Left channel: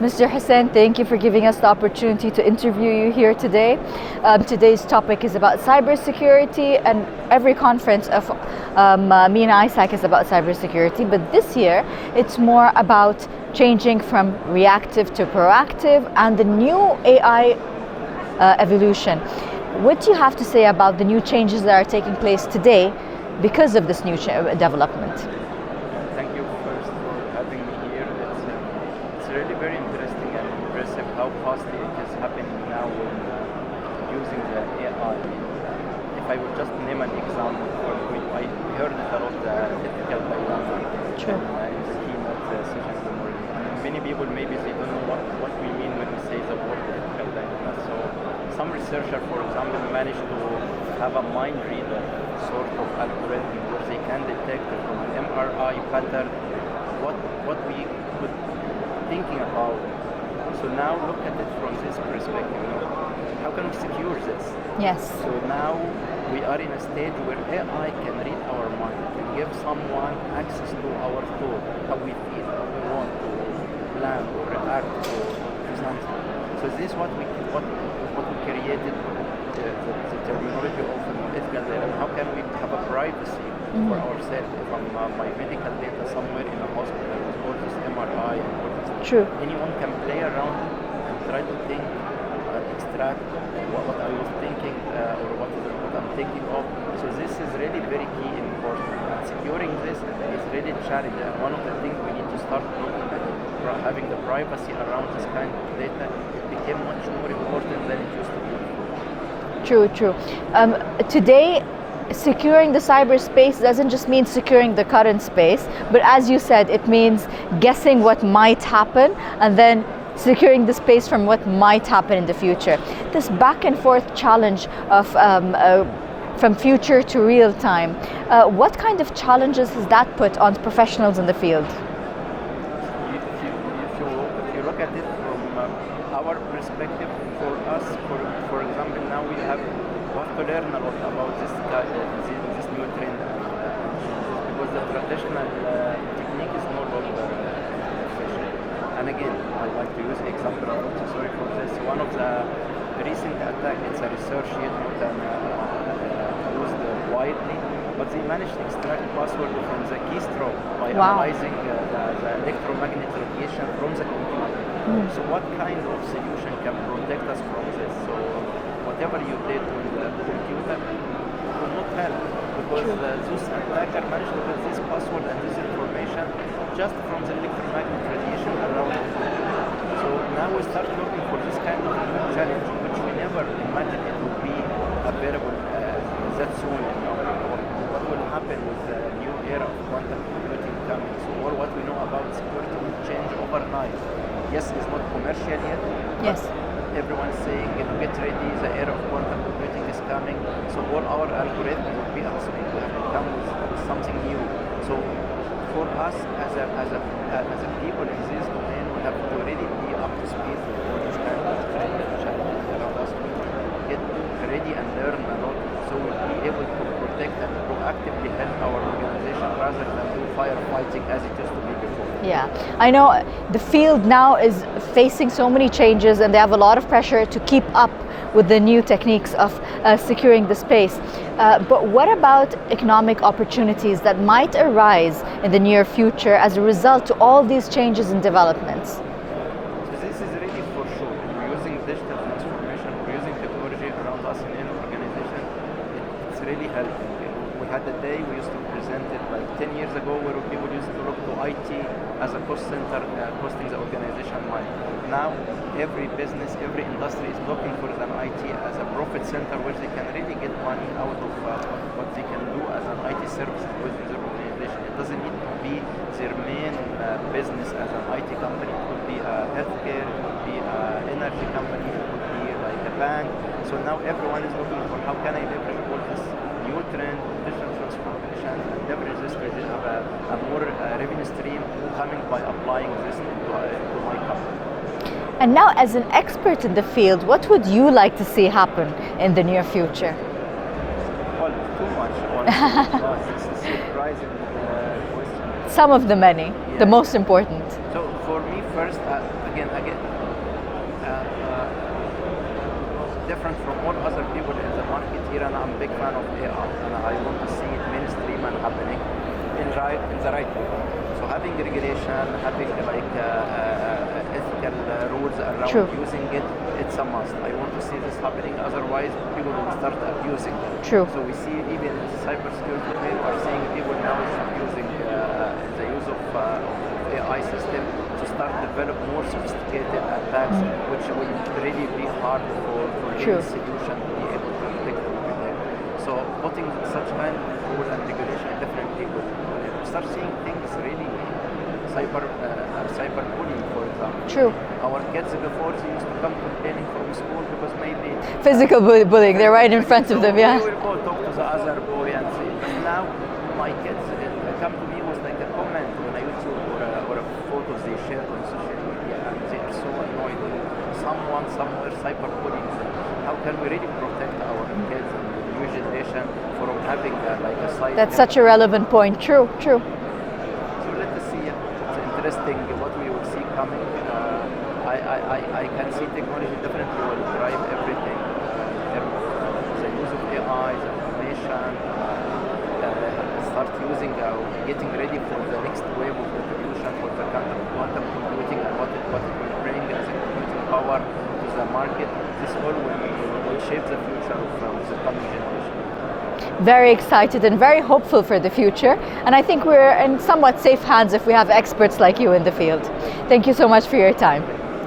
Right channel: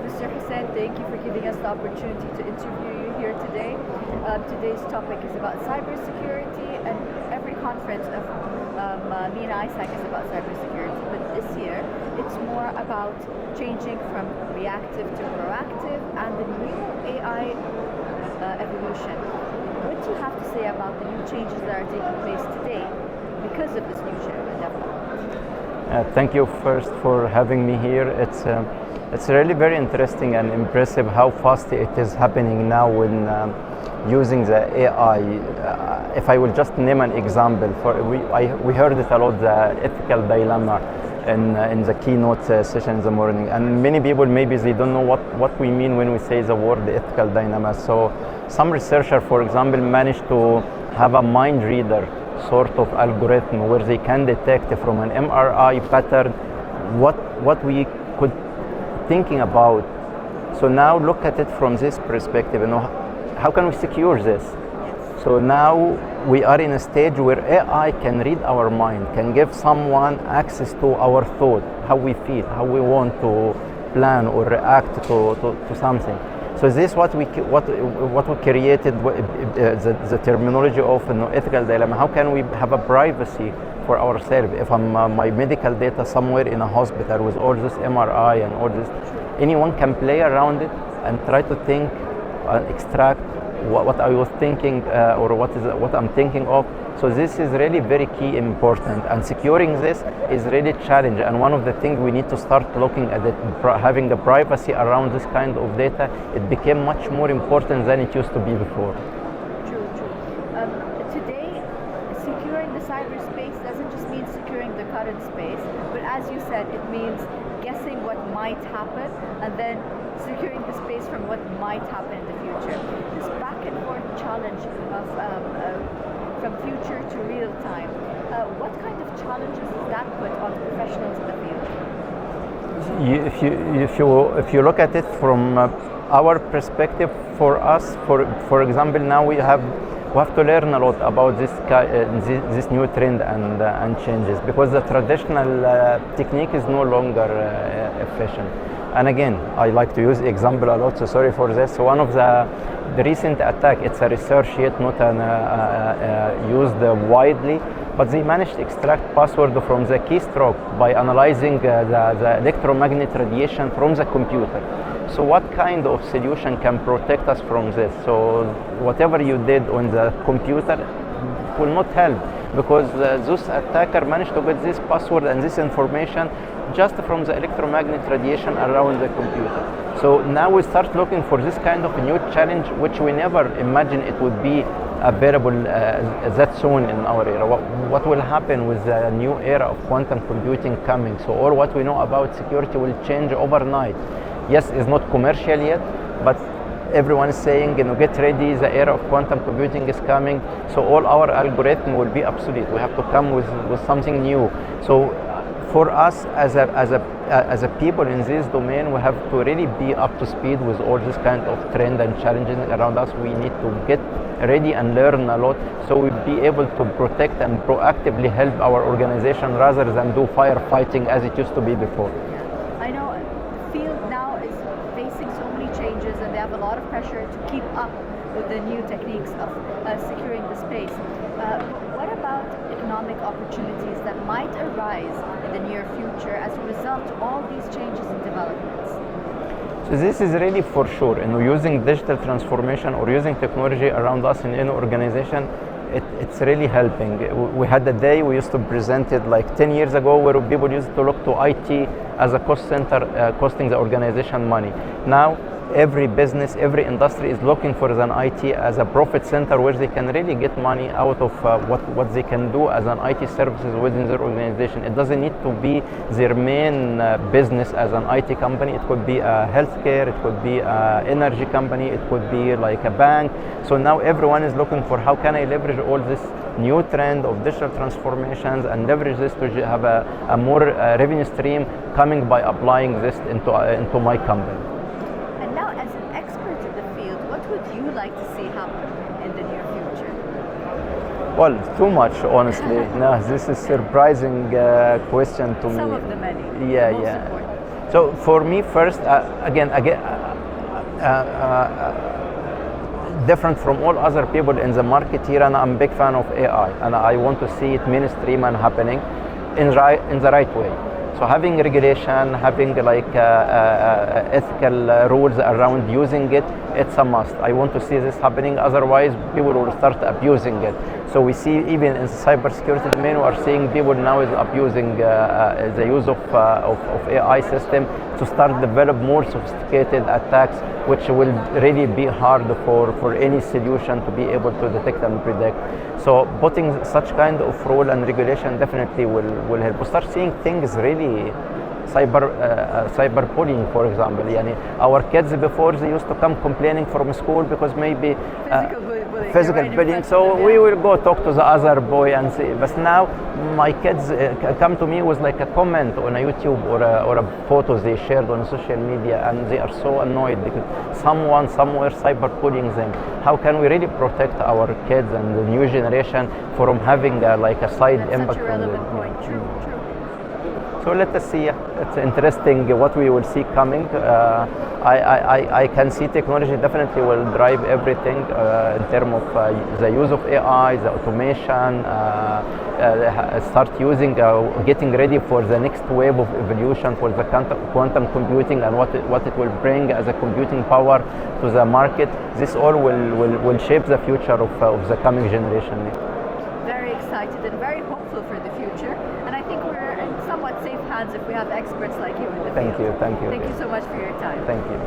Mr. Hussein, thank you for giving us the opportunity to interview you here today. Today's topic is about cybersecurity, and every conference of me and ISAC is about cybersecurity, but this year it's more about changing from reactive to proactive and the new AI evolution. What do you have to say about the new changes that are taking place today because of this new development? Thank you first for having me here. It's really very interesting and impressive how fast it is happening now when using the AI. If I will just name an example, we heard it a lot, the ethical dilemma in the keynote session in the morning. And many people, maybe they don't know what we mean when we say the word ethical dilemma. So some researcher, for example, managed to have a mind reader sort of algorithm where they can detect from an MRI pattern what we could thinking about. So now look at it from this perspective, how can we secure this? Yes. So now we are in a stage where AI can read our mind, can give someone access to our thought, how we feel, how we want to plan or react to something. So this is what we created, the terminology of ethical dilemma. How can we have a privacy for ourselves? If I'm my medical data somewhere in a hospital with all this MRI and all this, True. Anyone can play around it and try to think, extract what I was thinking or what I'm thinking of. So this is really very key and important, and securing this is really challenging. And one of the things we need to start looking at it, having the privacy around this kind of data, it became much more important than it used to be before. True. Today, securing the cyberspace doesn't just mean securing the current space, but as you said, it means guessing what might happen and then securing the space from what might happen in the future. This back and forth challenge of from future to real time, what kind of challenges has that put on professionals in the field? If you look at it from our perspective, for us, for example, now we have to learn a lot about this new trend and changes, because the traditional technique is no longer efficient. And again, I like to use example a lot, so sorry for this. So one of the recent attack, it's a research yet not used widely, but they managed to extract password from the keystroke by analyzing the electromagnetic radiation from the computer. So what kind of solution can protect us from this? So whatever you did on the computer will not help, because those attacker managed to get this password and this information just from the electromagnetic radiation around the computer. So now we start looking for this kind of a new challenge, which we never imagined it would be available that soon in our era. What will happen with the new era of quantum computing coming? So all what we know about security will change overnight. Yes, it's not commercial yet, but everyone is saying, get ready, the era of quantum computing is coming. So all our algorithm will be obsolete. We have to come with something new. So for us as a people in this domain, we have to really be up to speed with all this kind of trend and challenges around us. We need to get ready and learn a lot, so we'll be able to protect and proactively help our organization rather than do firefighting as it used to be before. Yeah, I know the field now is facing so many changes, and they have a lot of pressure to keep up with the new techniques of securing the space. But what about economic opportunities that might arise in the near future as a result to all these changes and developments? So this is really for sure, using digital transformation or using technology around us in any organization, it's really helping. We had a day we used to present it like 10 years ago, where people used to look to IT as a cost center, costing the organization money. Now every business, every industry is looking for an IT as a profit center where they can really get money out of what they can do as an IT services within their organization. It doesn't need to be their main business as an IT company. It could be a healthcare, it could be an energy company, it could be like a bank. So now everyone is looking for how can I leverage all this new trend of digital transformations and leverage this to have a more revenue stream coming by applying this into my company. And now, as an expert in the field, what would you like to see happen in the near future? Well, too much, honestly. No, this is surprising question to me. Some of the many, Yeah, the most yeah. important. So for me, first, different from all other people in the market here, and I'm a big fan of AI, and I want to see it mainstream and happening in the right way. So having regulation, having like ethical rules around True. using it, it's a must. I want to see this happening. Otherwise, people will start abusing it. True. So we see even in the cybersecurity domain, we are seeing people now is abusing the use of AI system to start develop more sophisticated attacks, which will really be hard for any solution to be able to detect and predict. So putting such kind of rule and regulation definitely will help. We start seeing things really cyberbullying, for example. True. Our kids before, they used to come complaining from school because maybe Physical bullying, they're right in front of them. So we will go talk to the other boy and say, but now my kids come to me with like a comment on a YouTube or a photo they shared on social media, and they are so annoyed because someone somewhere cyberbullying them. How can we really protect our kids and the new generation from having like a side That's impact such a relevant point. True, true. So let us see. It's interesting what we will see coming. I can see technology definitely will drive everything in terms of the use of AI, the automation, start using, getting ready for the next wave of evolution for the quantum computing and what it will bring as a computing power to the market. This all will shape the future of the coming generation. Very excited and very hopeful for the future. And I think we're in somewhat safe hands if we have experts like you in the field. Thank you. Thank you so much for your time. Thank you.